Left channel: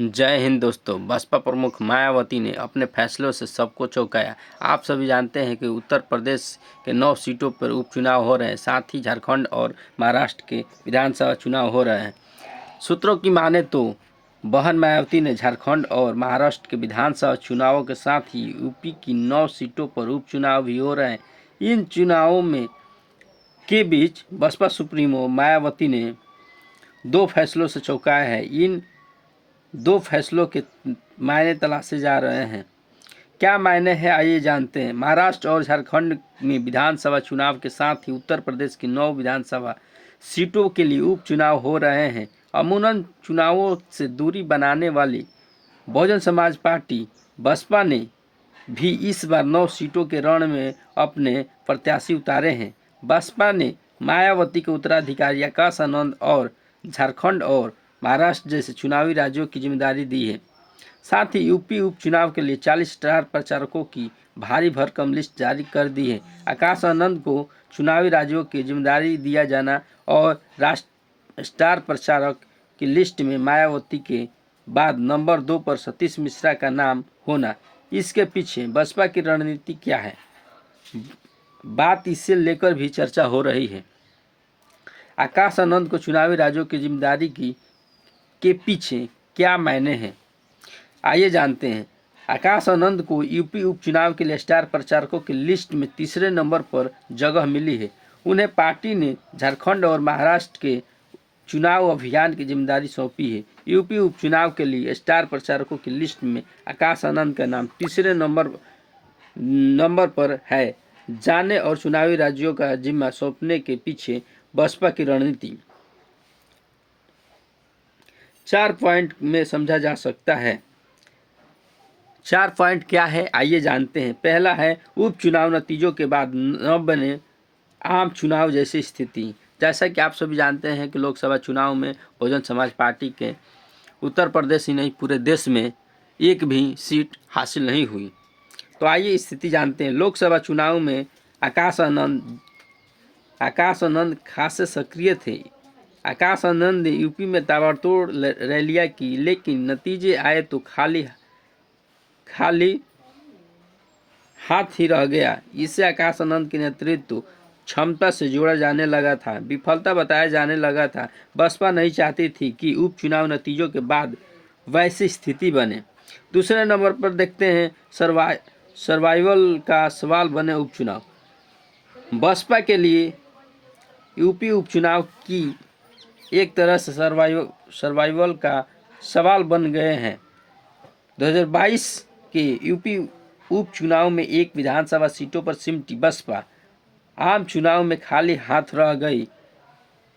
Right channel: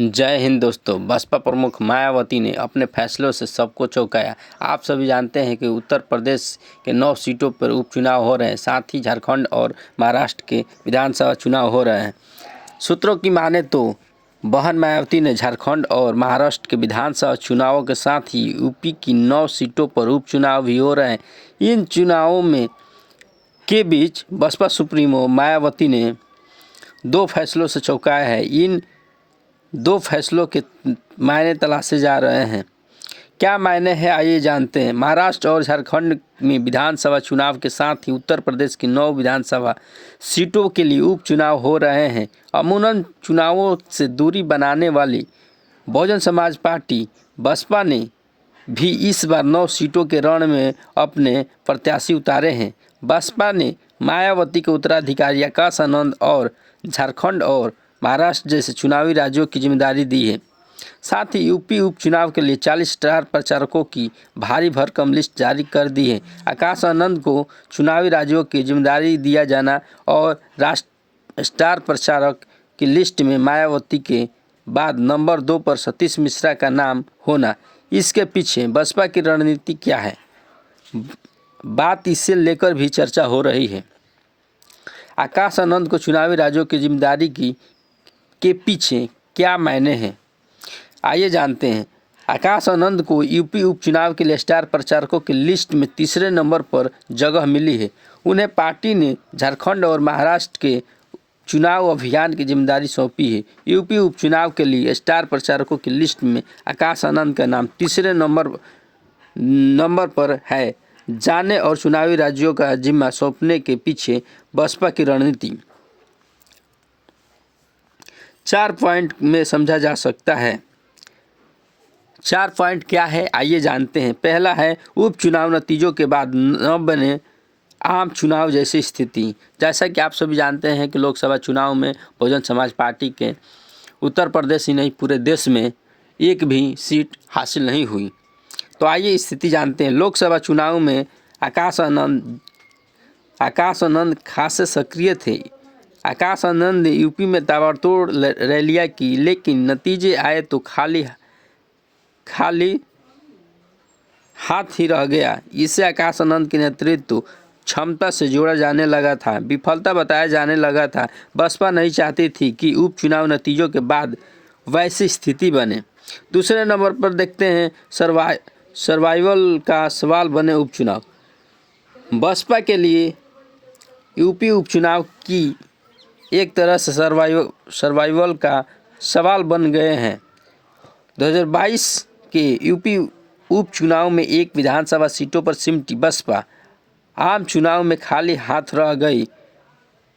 जय हिंद दोस्तों। बसपा प्रमुख मायावती ने अपने फैसलों से सबको चौंकाया। आप सभी जानते हैं कि उत्तर प्रदेश के 9 सीटों पर उपचुनाव हो रहे हैं, साथ ही झारखंड और महाराष्ट्र के विधानसभा चुनाव हो रहे हैं। सूत्रों की माने तो बहन मायावती ने झारखंड और महाराष्ट्र के विधानसभा चुनावों के साथ ही यूपी की 9 सीटों पर उपचुनाव भी हो रहे हैं। इन चुनावों में के बीच बसपा सुप्रीमो मायावती ने 2 फैसलों से चौंकाया है। इन 2 फैसलों के मायने तलाशे जा रहे हैं। क्या मायने हैं, आइए जानते हैं। महाराष्ट्र और झारखंड में विधानसभा चुनाव के साथ ही उत्तर प्रदेश की 9 विधानसभा सीटों के लिए उपचुनाव हो रहे हैं। अमूमन चुनावों से दूरी बनाने वाली बहुजन समाज पार्टी बसपा ने भी इस बार 9 सीटों के रण में अपने प्रत्याशी उतारे हैं। बसपा ने मायावती के उत्तराधिकारी आकाश आनंद और झारखंड और महाराष्ट्र जैसे चुनावी राज्यों की जिम्मेदारी दी है। साथ ही यूपी उपचुनाव के लिए 40 स्टार प्रचारकों की भारी भरकम लिस्ट जारी कर दी है। आकाश आनंद को चुनावी राज्यों की जिम्मेदारी दिया जाना और राष्ट्र स्टार प्रचारक की लिस्ट में मायावती के बाद नंबर 2 पर सतीश मिश्रा का नाम होना, इसके पीछे बसपा की रणनीति क्या है, बात इसे लेकर भी चर्चा हो रही है। आकाश आनंद को चुनावी राज्यों की जिम्मेदारी के पीछे क्या मायने हैं, आइए जानते हैं। आकाश आनंद को यूपी उपचुनाव के लिए स्टार प्रचारकों की लिस्ट में तीसरे नंबर पर जगह मिली है। उन्हें पार्टी ने झारखंड और महाराष्ट्र के चुनाव अभियान की जिम्मेदारी सौंपी है। यूपी उपचुनाव के लिए स्टार प्रचारकों की लिस्ट में आकाश आनंद का नाम तीसरे नंबर पर है। जाने और चुनावी राज्यों का जिम्मा सौंपने के पीछे बसपा की रणनीति 4 पॉइंट में समझा जा सकता है। 4 पॉइंट क्या है, आइए जानते हैं। पहला है उपचुनाव नतीजों के बाद न बने आम चुनाव जैसी स्थिति। जैसा कि आप सभी जानते हैं कि लोकसभा चुनाव में बहुजन समाज पार्टी के उत्तर प्रदेश ही नहीं पूरे देश में एक भी सीट हासिल नहीं हुई। तो आइए स्थिति जानते हैं। लोकसभा चुनाव में आकाश आनंद खासे सक्रिय थे। आकाश आनंद ने यूपी में ताबड़तोड़ रैलियां की, लेकिन नतीजे आए तो खाली हाथ ही रह गया। इससे आकाश आनंद के नेतृत्व क्षमता से जोड़ा जाने लगा था, विफलता बताया जाने लगा था। बसपा नहीं चाहती थी कि उपचुनाव नतीजों के बाद वैसी स्थिति बने। दूसरे नंबर पर देखते हैं सर्वाइवल का सवाल बने उपचुनाव। बसपा के लिए यूपी उपचुनाव की एक तरह से सर्वाइवल का सवाल बन गए हैं। 2022 के यूपी उपचुनाव में एक विधानसभा सीटों पर सिमटी बसपा आम चुनाव में खाली हाथ रह गई।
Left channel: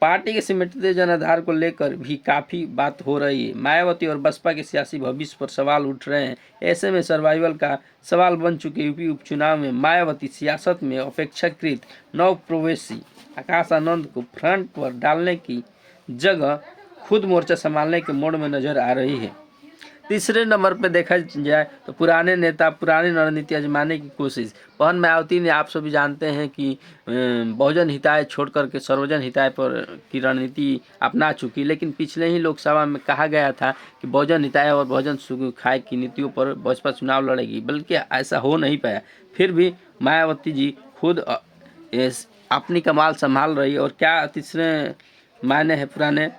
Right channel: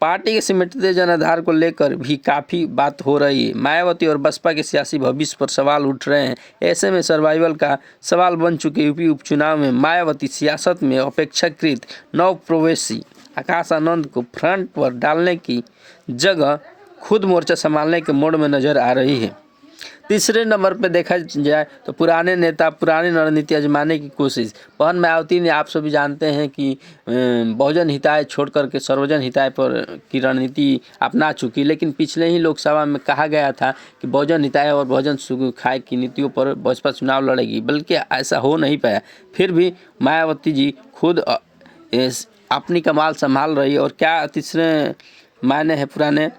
पार्टी के सिमटते जनाधार को लेकर भी काफ़ी बात हो रही है। मायावती और बसपा के सियासी भविष्य पर सवाल उठ रहे हैं। ऐसे में सर्वाइवल का सवाल बन चुके यूपी उपचुनाव में मायावती सियासत में अपेक्षाकृत नवप्रवेशी आकाश आनंद को फ्रंट पर डालने की जगह खुद मोर्चा संभालने के मोड़ में नजर आ रही है। तीसरे नंबर पर देखा जाए तो पुराने नेता पुरानी रणनीति आजमाने की कोशिश। बहन मायावती ने, आप सभी जानते हैं कि बहुजन हिताय छोड़ करके सर्वजन हिताय पर की रणनीति अपना चुकी, लेकिन पिछले ही लोकसभा में कहा गया था कि बहुजन हिताय और बहुजन सुखाय की नीतियों पर बसपा चुनाव लड़ेगी, बल्कि ऐसा हो नहीं पाया। फिर भी मायावती जी खुद अपनी कमाल संभाल रही। और क्या तीसरे मायने हैं पुराने,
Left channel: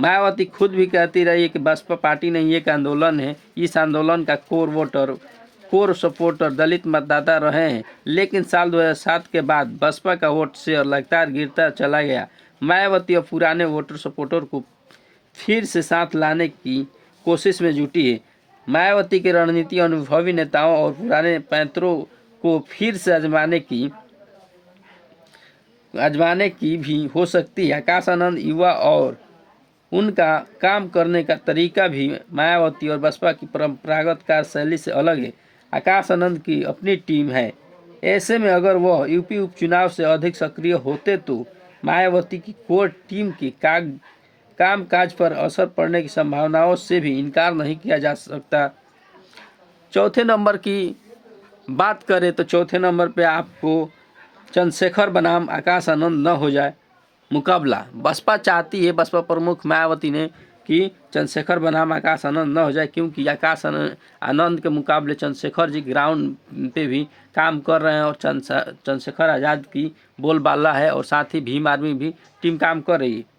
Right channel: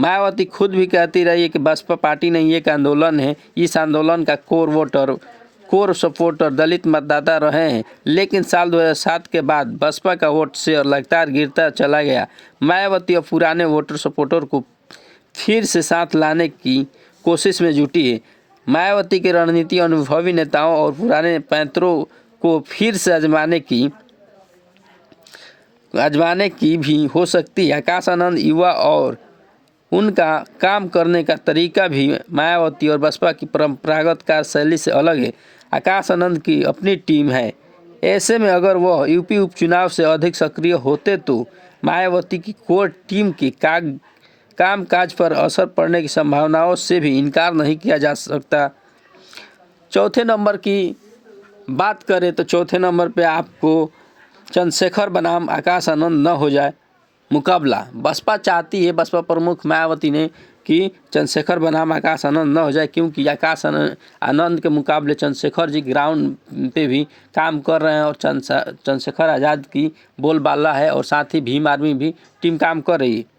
मायावती खुद भी कहती रही है कि बसपा पार्टी नहीं एक आंदोलन है। इस आंदोलन का कोर सपोर्टर दलित मतदाता रहे हैं, लेकिन साल 2007 के बाद बसपा का वोट शेयर लगातार गिरता चला गया। मायावती और पुराने वोटर सपोर्टर को फिर से साथ लाने की कोशिश में जुटी है। मायावती की रणनीति अनुभवी नेताओं और पुराने पैंतरों को फिर से आजमाने की भी हो सकती है। आकाश आनंद युवा और उनका काम करने का तरीका भी मायावती और बसपा की परंपरागत कार्यशैली से अलग है। आकाश आनंद की अपनी टीम है। ऐसे में अगर वह यूपी उपचुनाव से अधिक सक्रिय होते तो मायावती की कोर टीम के कामकाज पर असर पड़ने की संभावनाओं से भी इनकार नहीं किया जा सकता। चौथे नंबर की बात करें तो चौथे नंबर पे आपको चंद्रशेखर बनाम आकाश आनंद न हो जाए मुकाबला। बसपा चाहती है, बसपा प्रमुख मायावती ने कि चंद्रशेखर बनाम आकाश आनंद न हो जाए, क्योंकि आकाश आनंद के मुकाबले चंद्रशेखर जी ग्राउंड पे भी काम कर रहे हैं और चंद्रशेखर आज़ाद की बोलबाला है और साथ ही भीम आर्मी भी टीम काम कर रही है।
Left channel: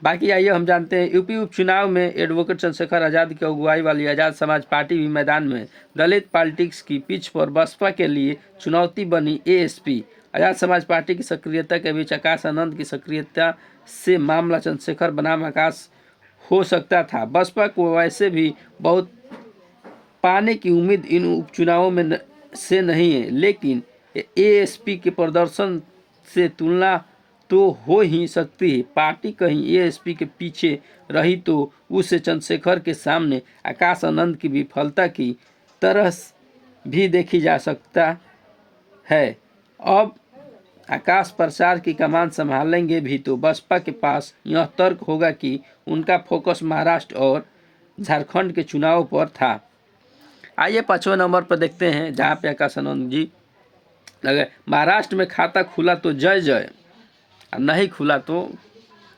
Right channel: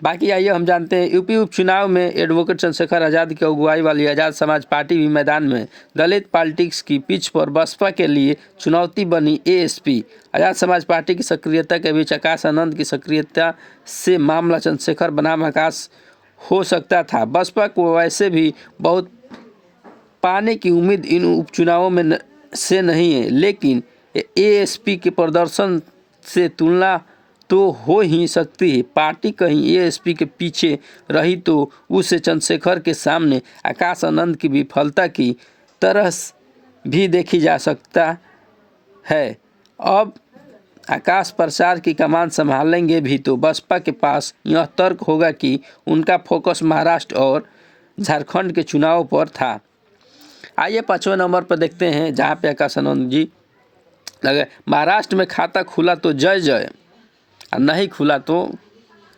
बाकी आइए हम जानते हैं यूपी उपचुनाव में एडवोकेट चंद्रशेखर आज़ाद की अगुवाई वाली आज़ाद समाज पार्टी भी मैदान में। दलित पॉलिटिक्स की पिच पर बसपा के लिए चुनौती बनी एएसपी। आज़ाद समाज पार्टी की सक्रियता के बीच आकाश आनंद की सक्रियता से मामला चंद्रशेखर बनाम आकाश हो सकता था। बसपा को वैसे भी बहुत पाने की उम्मीद इन उपचुनावों में से नहीं है, लेकिन एएसपी के प्रदर्शन से तुलना तो हो ही सकती है। पार्टी कहीं एएसपी के पीछे रही तो उसे चंद्रशेखर के सामने आकाश आनंद की विफलता की तरह भी देखी जा सकता है। अब आकाश प्रसार की कमान संभालेंगे भी तो बसपा के पास यह तर्क होगा कि उनका फोकस महाराष्ट्र और झारखंड के चुनाव पर था। आइए 5वें नंबर पर देखते हैं, जहां पे आकाश आनंद जी लगे। महाराष्ट्र में खाता खुला तो जय जय, नहीं खुला तो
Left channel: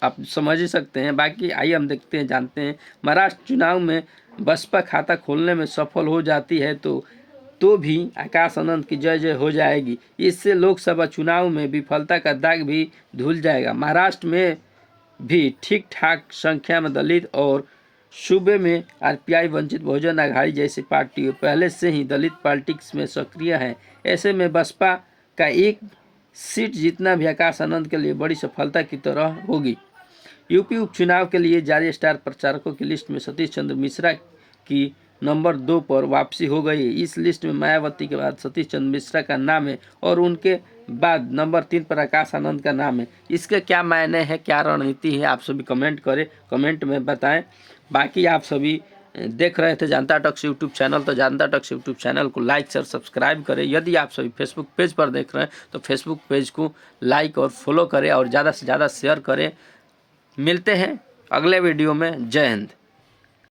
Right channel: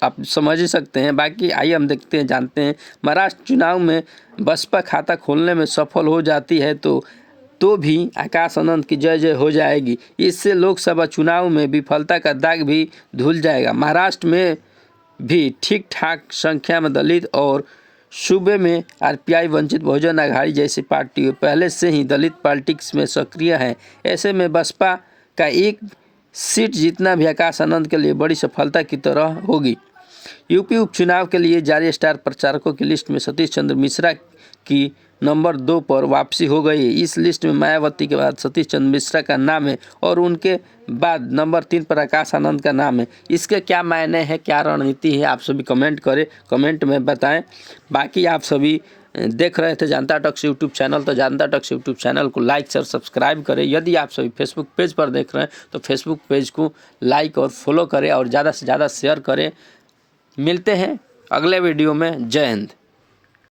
आप समझ ही सकते हैं। बाकी आइए हम देखते हैं, जानते हैं महाराष्ट्र चुनाव में बसपा खाता खोलने में सफल हो जाती है तो भी आकाश आनंद की जय जय हो जाएगी। इससे लोकसभा चुनाव में विफलता का दाग भी धुल जाएगा। महाराष्ट्र में भी ठीक ठाक संख्या में दलित और सूबे में आरपीआई वंचित बहुजन आघाड़ी जैसी पार्टियां पहले से ही दलित पॉलिटिक्स में सक्रिय हैं। ऐसे में बसपा का एक सीट जीतना भी आकाश आनंद के लिए बड़ी सफलता की तरह होगी। यूपी उपचुनाव के लिए जारी स्टार प्रचारकों की लिस्ट में सतीश चंद्र मिश्रा की नंबर 2 पर वापसी हो गई है। इस लिस्ट में मायावती के बाद सतीश चंद्र मिश्रा का नाम है और उनके बाद नंबर 3 पर आकाश आनंद का नाम है। इसके क्या मायने हैं, क्या रणनीति है, आप सभी कमेंट करें, कमेंट में बताएं। बाकी आप सभी देख रहे थे जनता टॉक्स यूट्यूब चैनल, तो जनता टॉक्स यूट्यूब चैनल को लाइक शेयर सब्सक्राइब करें। यदि आप सभी फेसबुक पेज पर देख रहे हैं तो फेसबुक पेज को लाइक और फॉलो करें और ज़्यादा से ज़्यादा शेयर करें। मिलते हैं अगले वीडियो में। जय हिंद।